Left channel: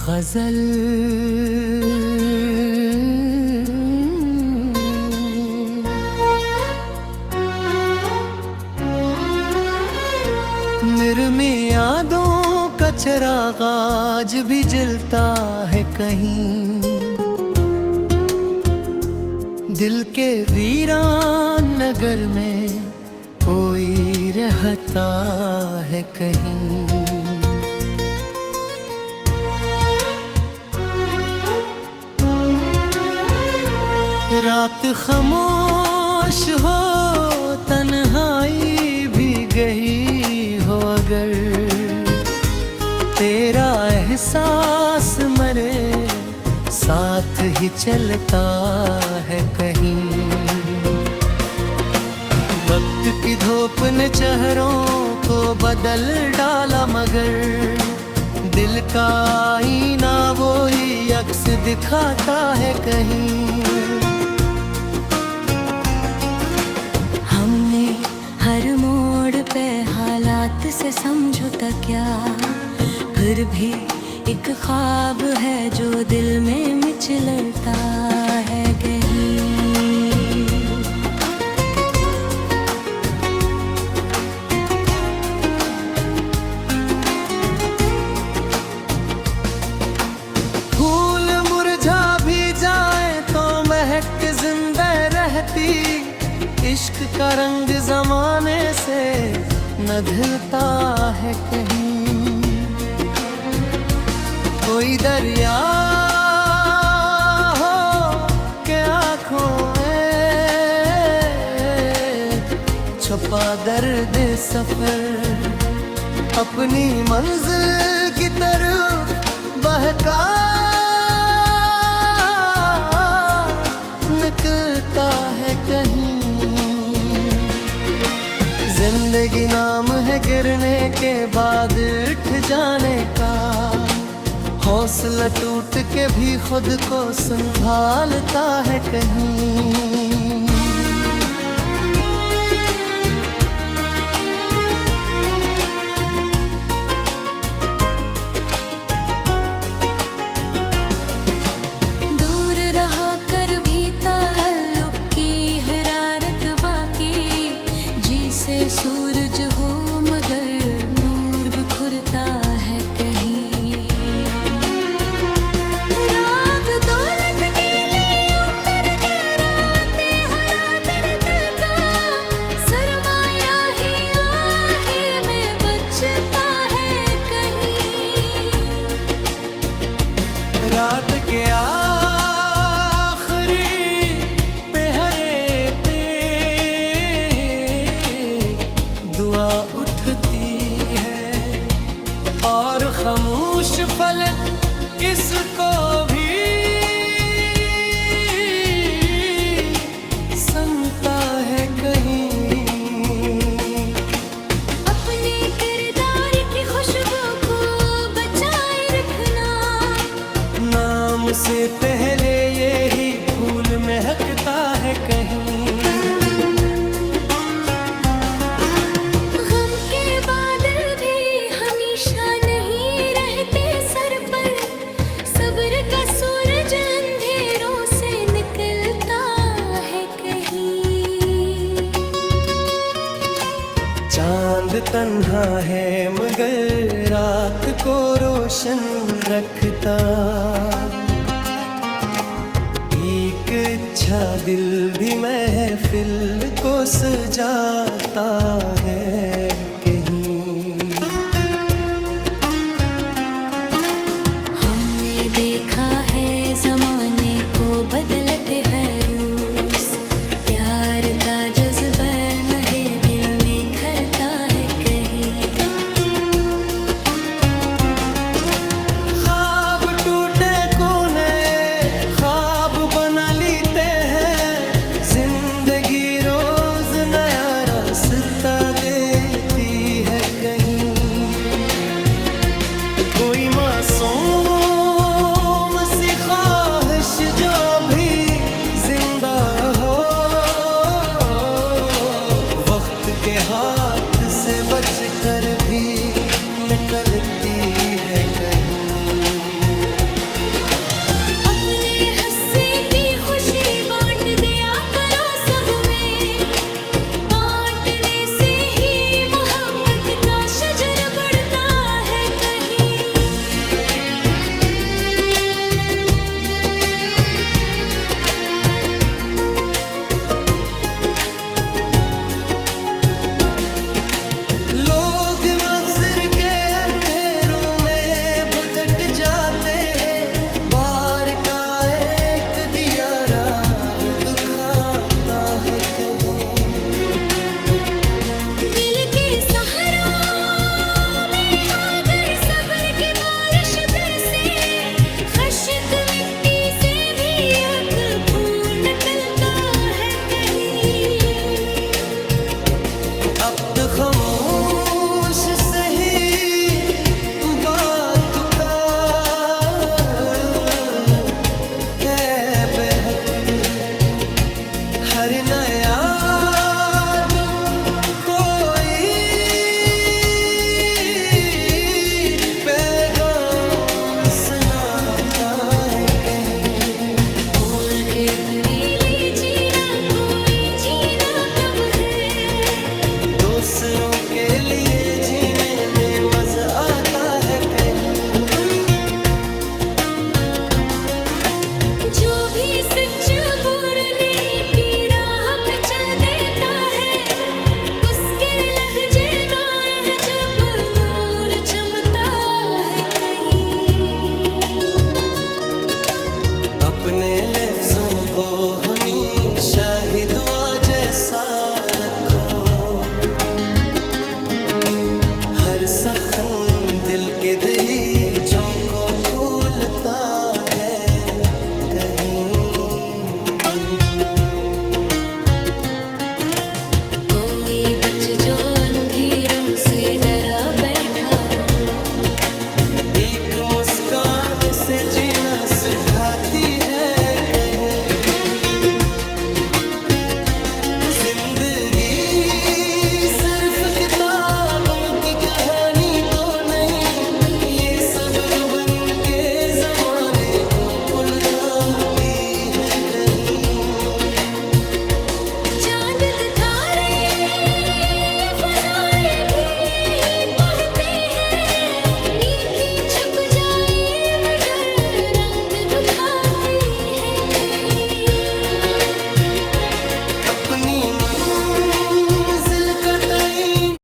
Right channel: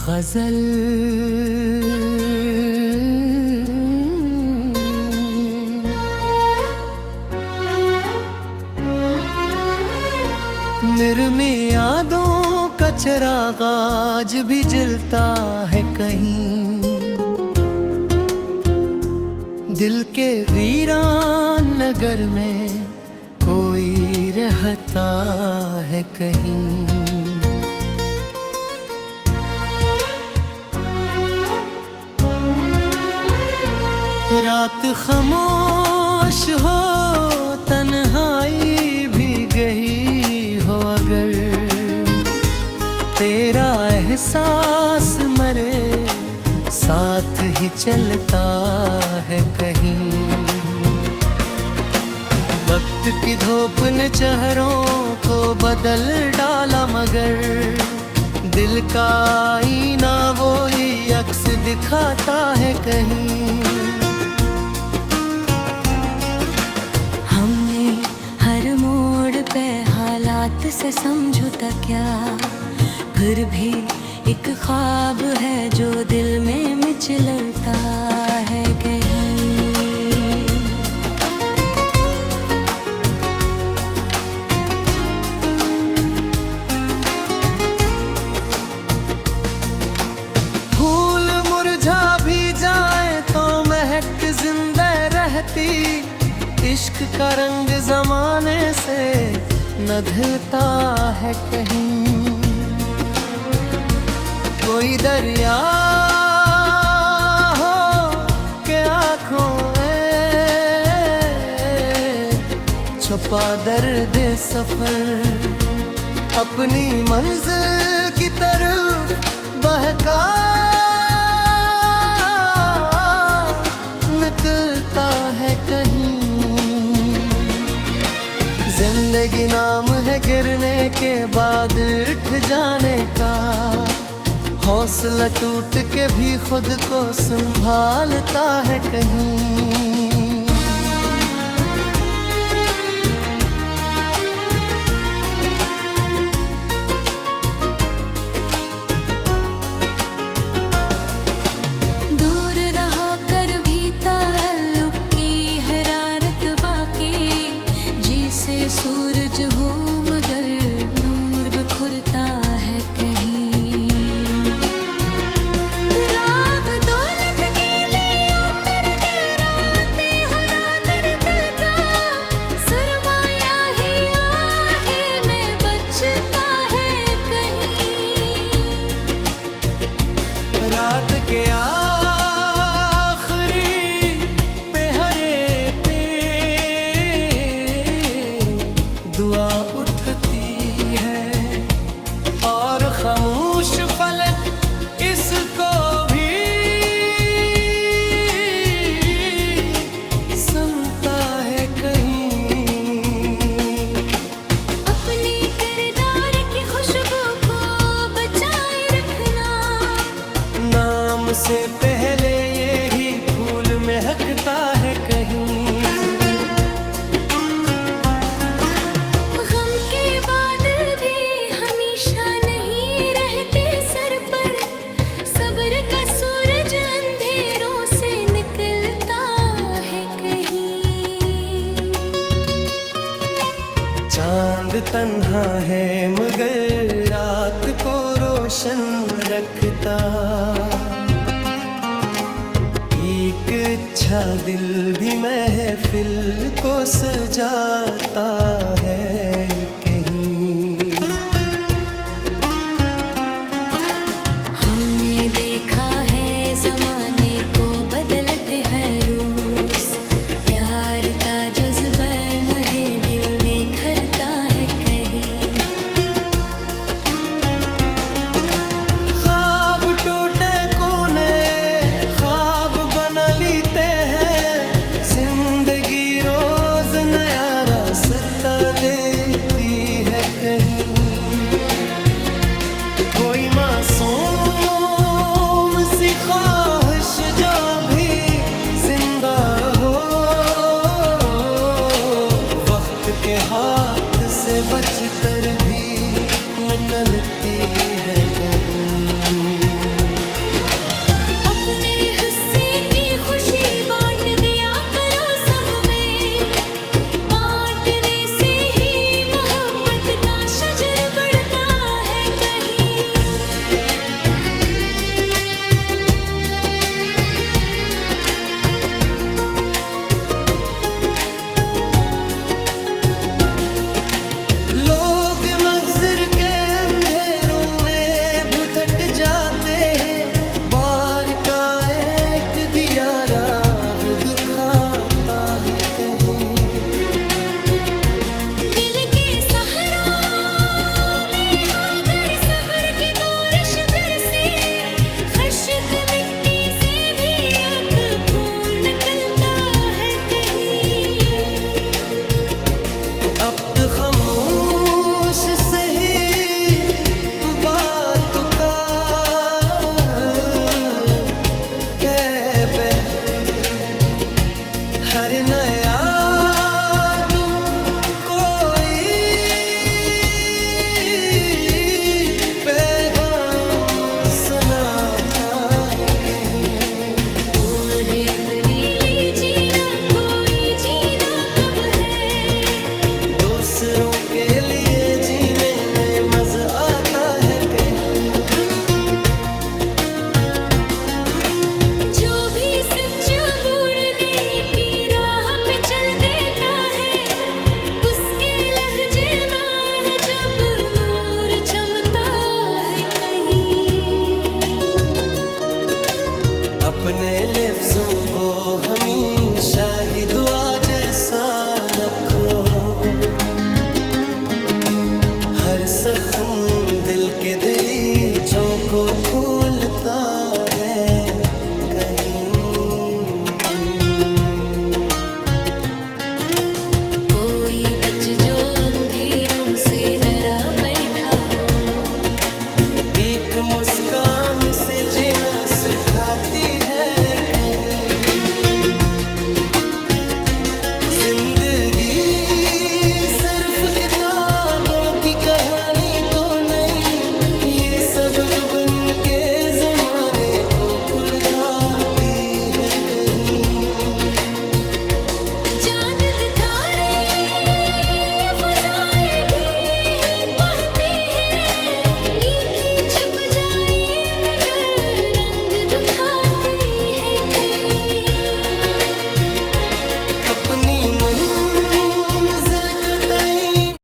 गजल निर्मी यादों का चिराग आज भी जलता है कहीं, दिल के वीरान नगर में कोई रहता है कहीं। रात खामोश हो, तन्हाई भी गई हो, अगर तेरा एहसास मरे साथ ही चलता है कहीं। वक्त की धूप ने चेहरों को बदल डाला, मगर दिल का आईना वही अक्स दिखाता है कहीं। हर मोड़ पे हालात से समझौता क्या, फिर भी एक ख्वाब है जो दिल में मिचलता है कहीं। फूल मुरझा भी जाए तो महक जिंदा रहती, इश्क का रंग जमाने से न ढलता है कहीं। कोई दरिया हो के आँखों में छुपा दर्द सफर, अपनी मंजिल की तरफ बहका निकलता है कहीं। जिंदगी नाम है गिरने के बाद उठ जाने का, हौसला टूट के भी खुद को संभालता है कहीं। दूर रहा कर भी ताल्लुक की हरारत बाकी, जिसे सूरज हो मगर नूर बिखरता है कहीं। राग दौलत के लिए ऊपर डराते हरा दर्द का, सरमाया ही आहे में बचता है कहीं। रात के आखिरी पहरे पे दुआ उठती है, और खामोश फलक इसको भी सुनता है कहीं। अपने किरदार की खुशबू को बचाए रखना, नाम से पहले यही फूल महकता है कहीं। गम के बादल भी हमेशा नहीं रहते सर पर, सब्र का सूरज अंधेरों से निकलता है कहीं। चांद तन्हा है मगर रात को रोशन रखता, एक अच्छा दिल भी महफिल को सजाता है कहीं। हमने देखा है जमाने को बदलते है रूस, प्यार का जज्बा नहे दिल निखरता है कहीं। ख्वाब टूटे कोने ख्वाब बना लेते हैं, जिंदगी रोज नया रास्ता देती है कहीं। कोई मासूम सी ख्वाहिश जो भी जिंदा हो, वक्त के हाथ से बचकर भी निकलती है कहीं। खुशी बांट दिया करो सब में, बांटने से ही मोहब्बत का शजर बढ़ता है कहीं। लोग नज़र के अंधेरों में भुतट जाते हैं, बार का एक दिया राग दुखाता है कहीं। दिल के सहारा में अगर सब्र की बारिश बरसे, खश्क मिट्टी से भी एक फूल निकलता है कहीं। अब तो खामोश सही बात का है बहकती, हर नया तुम कोई पैगाम सुनाता है कहीं। और है तरीली जीना कोई जीना कब है, दूसरों के लिए जीने में मजा आता है कहीं। जो भी सच बोलने की राह पे चल देता है, उसके लहजे में जब नूर चमकता है कहीं। अपने लफ्जों को हमेशा ही दुआ जैसा रखो, हर सखन दिल के दरीचों को खोलता है कहीं। कोई बच जो अंधेरों से डरा बैठा हो, एक मुस्कान से जीना सिखाती है कहीं। जिंदगी सिर्फ किताबों की कहानी तो नहीं, ये सब जुबन के जमाने को पुलखाती है कहीं। चांद दिखारे